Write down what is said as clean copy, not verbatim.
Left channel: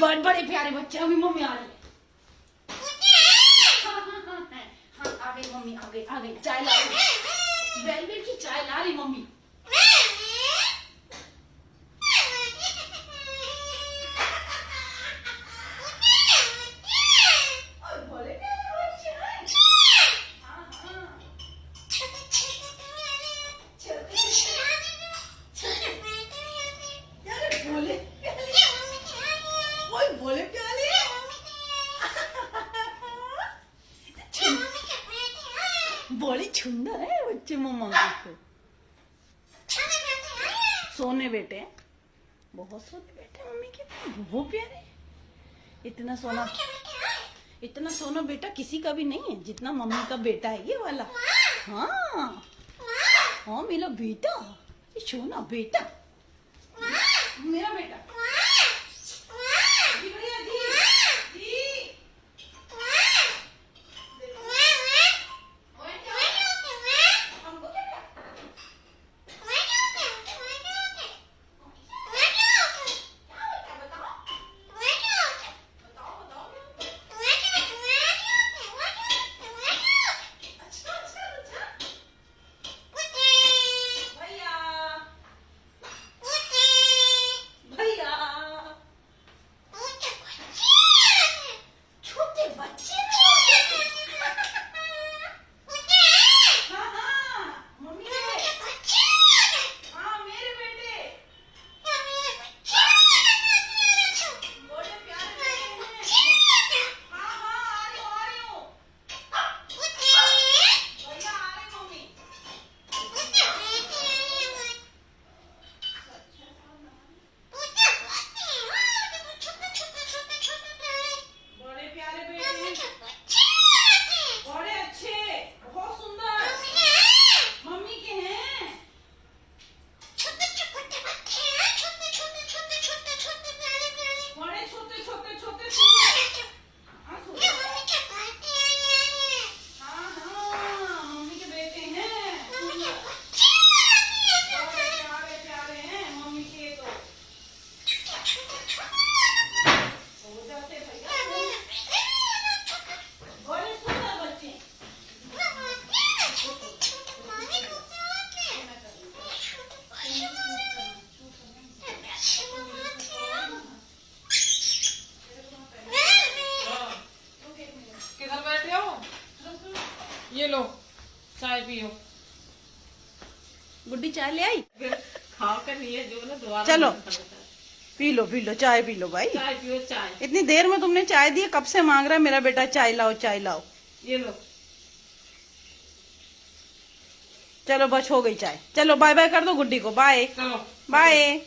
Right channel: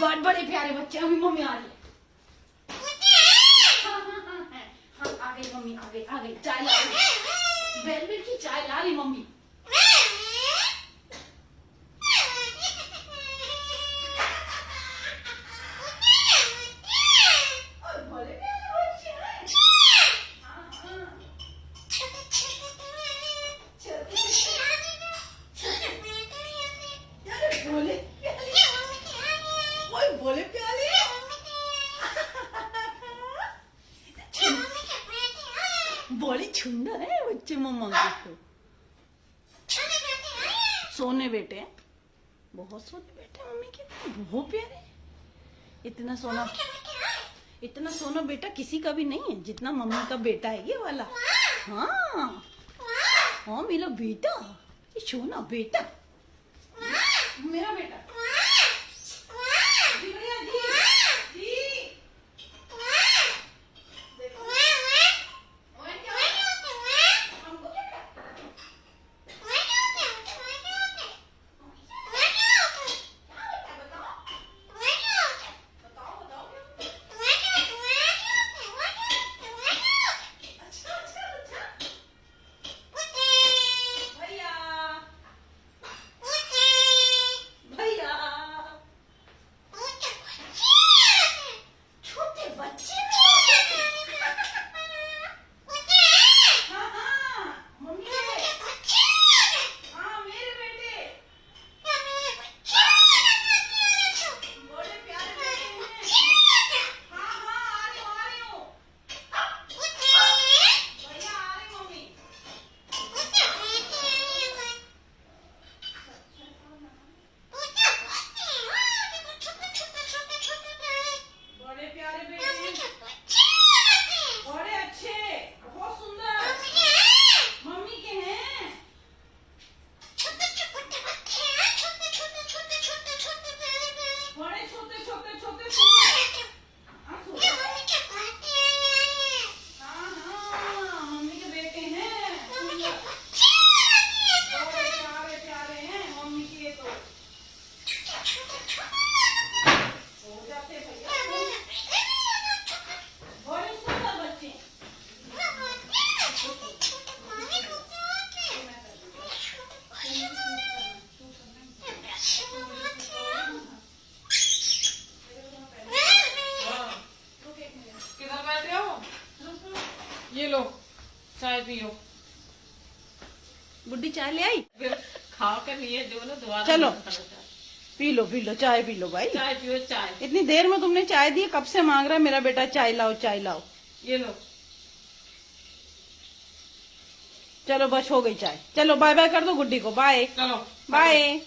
बहुत बड़े प्यारे बच्चे। अभी मम्मी आ रही है। हाँ, आ गई मम्मी, आ गई चाय ला रही। वेलवेट की चाय ला रही मम्मी। बोले प्याले बोले सुंदर है बच्चे मम्मा को। सोने बेटे, बहुत सोने बेटे मम्मी के, बहुत प्यारे। इतना सोना बेटा किसी का भी नहीं है जितना मम्मी का बेटा है ये वाला। हाँ हाँ मेरा बेटा, ये सोना बेटा, मेरा बेटा। ये लो चाय पियो। गुड्डी चाय ले आई। फिर खा कर नहीं है जो ना दोबारा। चलो पी लो चाय पी लो भाई। चाय पियो चाय। इतनी देर में तुमने चाय दी, कब से मांग रहा है मेरा बेटा चाय लाओ चाय लाओ। ये लो। चलो बस हो गई चाय। चलो बाय बाय कर दो गुड्डी को। बाय चलो बाय।